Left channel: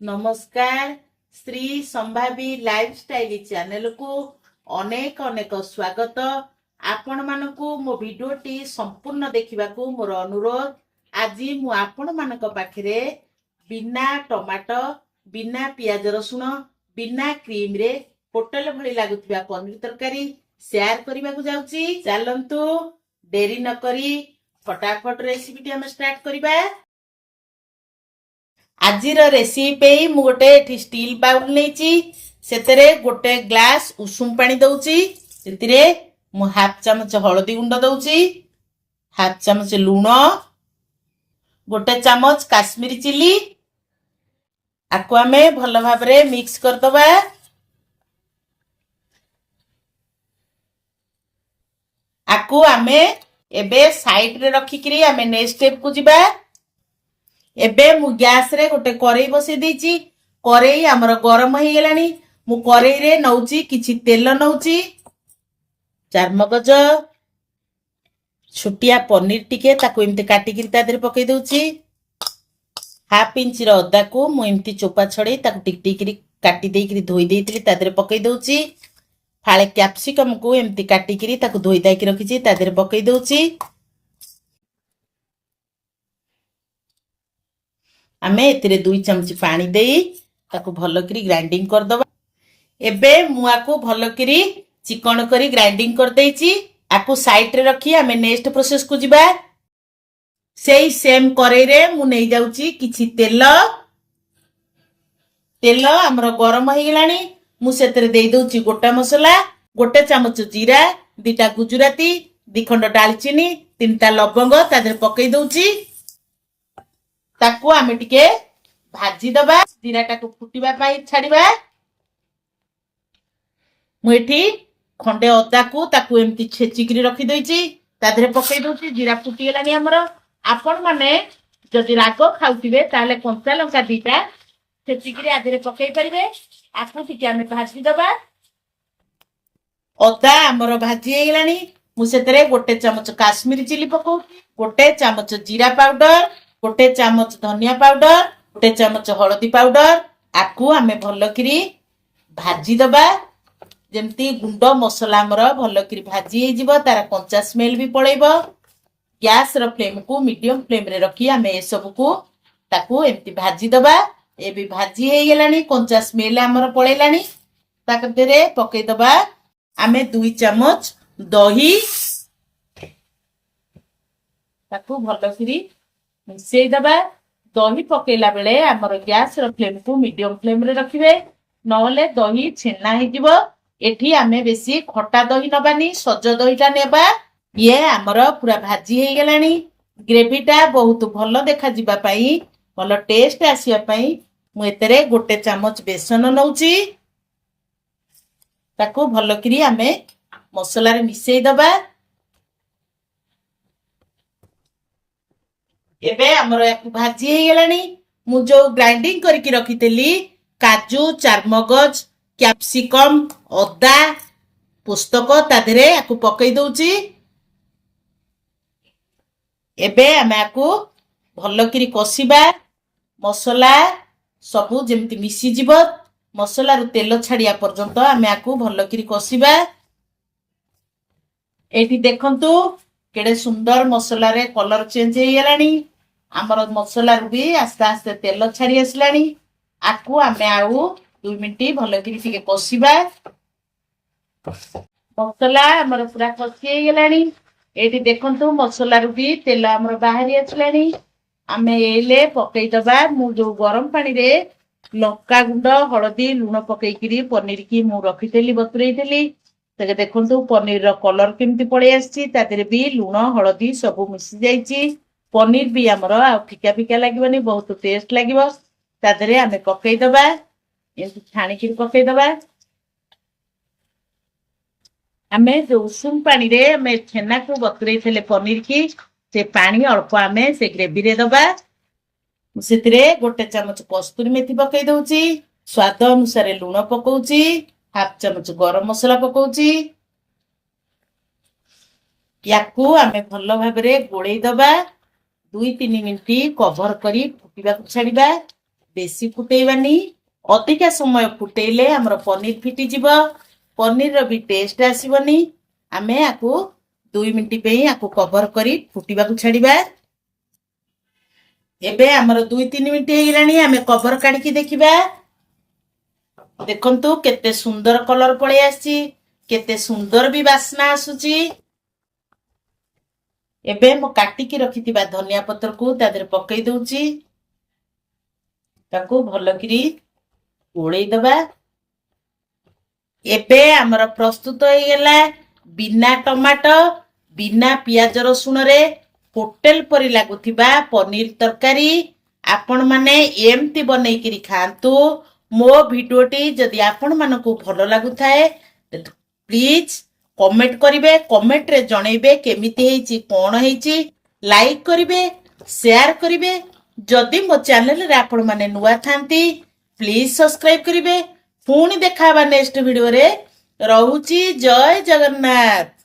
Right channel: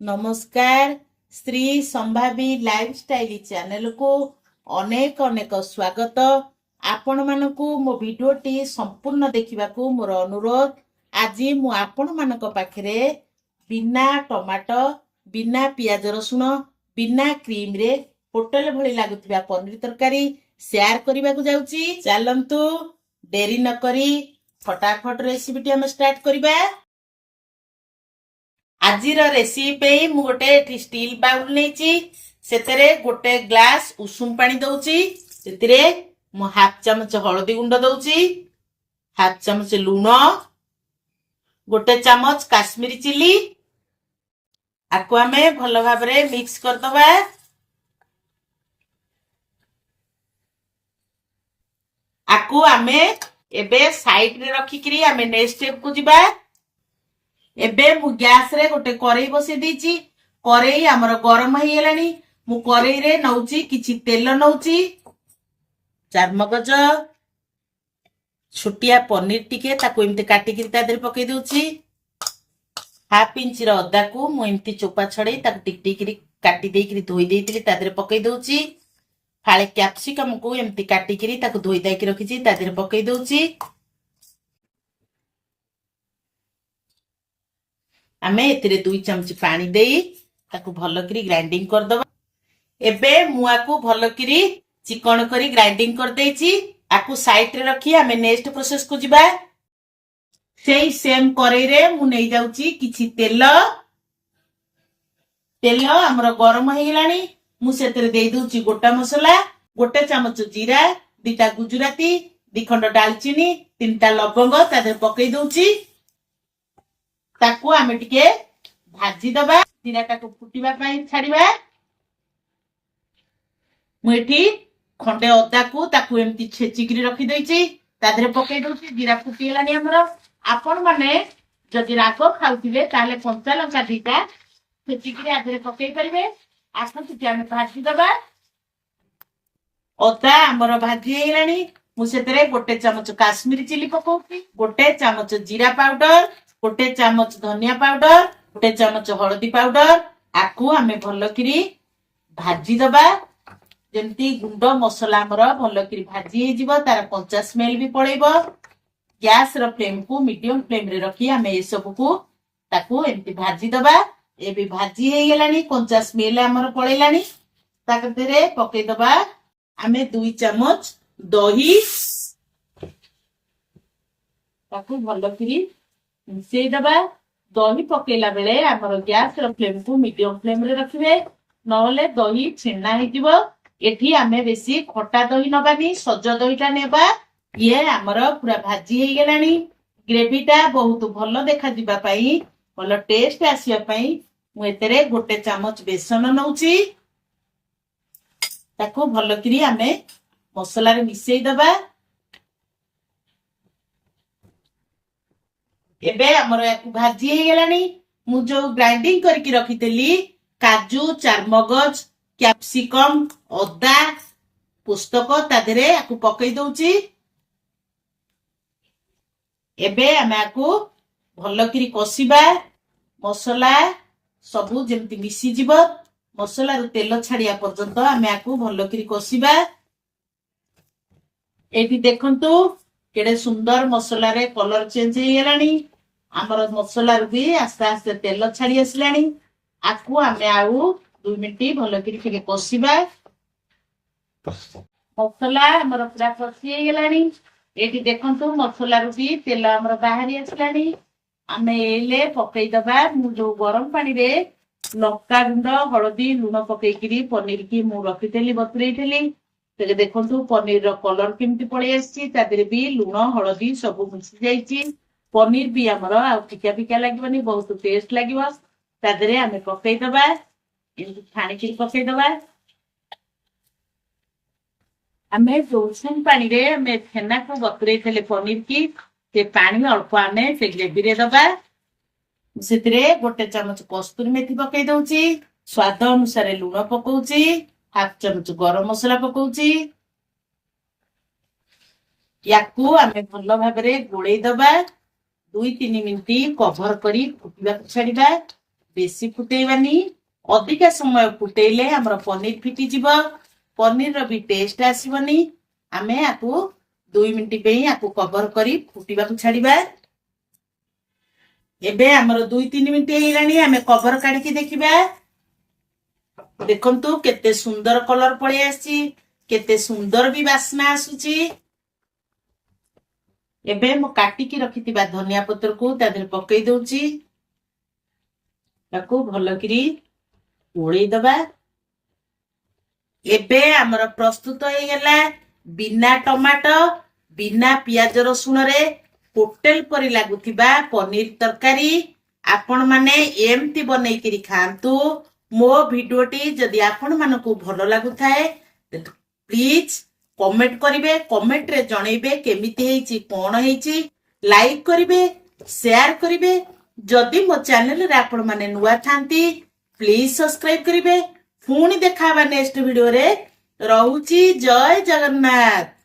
नमस्कार Shri संभावी lifestyle channel को अनेक अनेक स्वागत। आपण मानकु मो वीडियोटी संपूर्ण देखिबा को मोर अनुरोध। आज मु आपण मानक पाखरे बिना टमाटो बिना पियाज रसुण बिना क्रीम रे होटल भली लागुथिबा पनीर तरकारी शेयर करबा को जाउची। चलंतु देरी न करी फटाफट रेसिपीटी हम स्टार्ट करबा। आजिर रेसिपी मु गोटे स्टील बाउल नेची सेतरे गोटे ग्लास उषुम पानी दउची। सेतिरे मु हाफ चमच हळदी गुंड दउची, हाफ चमच लूण, गोटे चमच काश्मीरी चिली। आकु आमे भलो भाबरे मिक्स कर दबा। आकु आमे एबे साइड रे रखी करी आमे नेक्स्ट स्टेप को जिबा। एबे मु गैस रे गोटे करेई बसई देची। करेई हमर गरम हो गेलानी। मु करेई रे नउची किछि तेल नउची, चार मगज, छोटिया पनीर टिके ताको एमते काटी किरी ता देरे पकई दउची। हाफ इंच रो अदा को मु एमती चोपा छड़े ताको टिक टिक करी काटी देई करी धोई देइतिली ता देरे पकई दउची। फाळे कैप्सिकम को एमती काटी करी ताको धोई दाई के रखिची ता देरे पकई दउची। आमे एतिरे 2 चमच पानी देई ताको भलो करी ग्राइंडिंग कर दबा। एबे मुआ को भलो करी चिकन करी ग्राइंडिंग कर देइची। आकु साइड रे रखी आमे नेक्स्ट प्रोसेस को जिबा। सेही सेम करेई रे मु नै जाउची किछि तेल। तेल हमर गरम हो गेलानी। मु सेतरे देई दउची गोटा मसला, गोटे चमच जीरा, 2टा गुजराती, 2 खंड दालचीनी, 3टा लवंग ता देर पकई दउची। ताकू आमे टिके भाजी दबा। जीरा टाको फुटिबा पाई छाड़ीबा। मु एठी खंडे अदा को ताकू एमती छेची करी रखी देइची ता देरे पकई दउची। जीरा फुटी गेलानी हमर। आपण माने जदि राग खाउतिबे ताले कंचा लंका 2टा छेची करी आ देरे पकई परिबे। आकु टिके आमे भाजी दबा। अदा हमर भाजी गेलानी। मु सेतरे गोटे चमच काश्मीरी चिली पकोउची, गोटे चमच जीरा पाउडर, गोटे चमच धनिया पाउडर, गोटे चमच हळदी पाउडर। आकु आमे भलो करी भाजी दबा। जेमती गुंड मसला हमर भलो करी भाजी हे जिवो, तार कंचा स्मेल भी पळेबो। गैस रो फ्लेम को मीडियम फ्लेम रे रखी आमे ए सब को ताकू एमती भाजी दबा। ए भी भाजी हे गेलानी, कंचा स्मेल हमर पळेलानी। ताक देरे पकई दबा। आमे 2 चमच दही ताकू भलो करी मिसेई दबा। दही पकेला बेले हमर गैस रो फ्लेम को मीडियम फ्लेम रे रखिबे, नहले दही छेना हे जिवो। एठी आमे बेसी खट्टा दही नबानी, सज दहीटा नेबा। ये हमर पूरा भाजी हे गेलानी। ग्रेवीटा बहुत भलो देखा जिबा पई, भलो टेस्ट आसिया पई मु एतरे गोटे चमच बेसन नउची। ताकू भलो करी आमे मसला रे मिसेई दबा। एबे हमर याकु भाजी हे गेलानी। मु जो ग्राइंडिंग करके रखितेली काजू, चारमगज, कैप्सिकम, अदा, पुस्तक ता देरे याकु पकई दउची। एबे हम याकु भलो करी कसिबा। मसला सबु जेमति मिसी जिवो, मसला रो तेल छाड़िया पर्यंत हम याकु भलो करी कसिबा। एठी देखंतु केडे सुंदर मसला रे कलर चेंज हे गेलानी। हमर मसला रो भी आस्ते आस्ते तेल छाड़ी आसलानी। आकु आमे आउ 2 मिनिट भलो करी टिके कसिबा। मसला हमर पूरा कसी हे गेलानी। एठी देखंतु मसला रो भी तेल हमर बाहरी आसलानी। आमे एले पकई दबा। मु जो गरम पानी रे लक्का गुंड, हळदी, लूण पकई करी पनीर की मु रखितेली बतुरेइतेली। ते देखंतु पनीर रो कलर केमती पळे आसी, ता देरे भी लूण हळदी सब मिसी जाईची। पनीर भी हमर आ फिका फिका लागिबनी, बहुत टेस्ट लागिबो। ता देरे आमे पकई दबा। एमती छाणी की पकई दबा। आमे जो उषुम पानी रे आमे छेना को बतुरेइतेले पनीर की, से पानी अल्प आमे से ग्रेवी रे दबा। सेतिरे गोटे चमच कस्तूरी मेथी पकई दउची, स्वाद अनुसार लूण पकोउची, हाफ चमच गरम मसला पकोउची। याकू आमे भलो भाबरे गोळेई दबा। 2-3 मिनिट कवर करी फुटिबा छाड़ीबा। बेसी फुटेइबानी अधिका समय फुटेइले हमर पनीर फिटी जीव पनीर भी टेस्ट आसीबनी आमे आकु 2 मिनिट पे आकु कवर करी फुटिबा को छाड़ीबा एबे हमर 2-3 मिनिट हेलानी आमे कवर काढी की देखिबा देखंतु केते सुंदर कलर पळे आसी केते सुंदर भी वासना आसुची एबे मो काटी की रखितिबा धनिया पत्र को तादर पकई दउची ताकू भलो करी ओळेई दबा एबे हमर प्रस्तुत हो गेला बिना टमाटो बिना पियाज रसुण रे होटेल परी लागुथिबा पनीर तरकारी आपण माने एमती बनै करी खांतु मो भिडियोटी जदि आपण मानको भलो लागुथाए प्लीज कमेंट करिवे कमेंट रे जणैबे केमिति हेची कोन हेची लाइक करिवे शेयर करिवे जदि मो चैनल रे आपण माने नुवा थांती प्लीज सब्सक्राइब करिवे पुणी देखाबा नेक्स्ट वीडियो रे रहूची जय जगन्नाथ।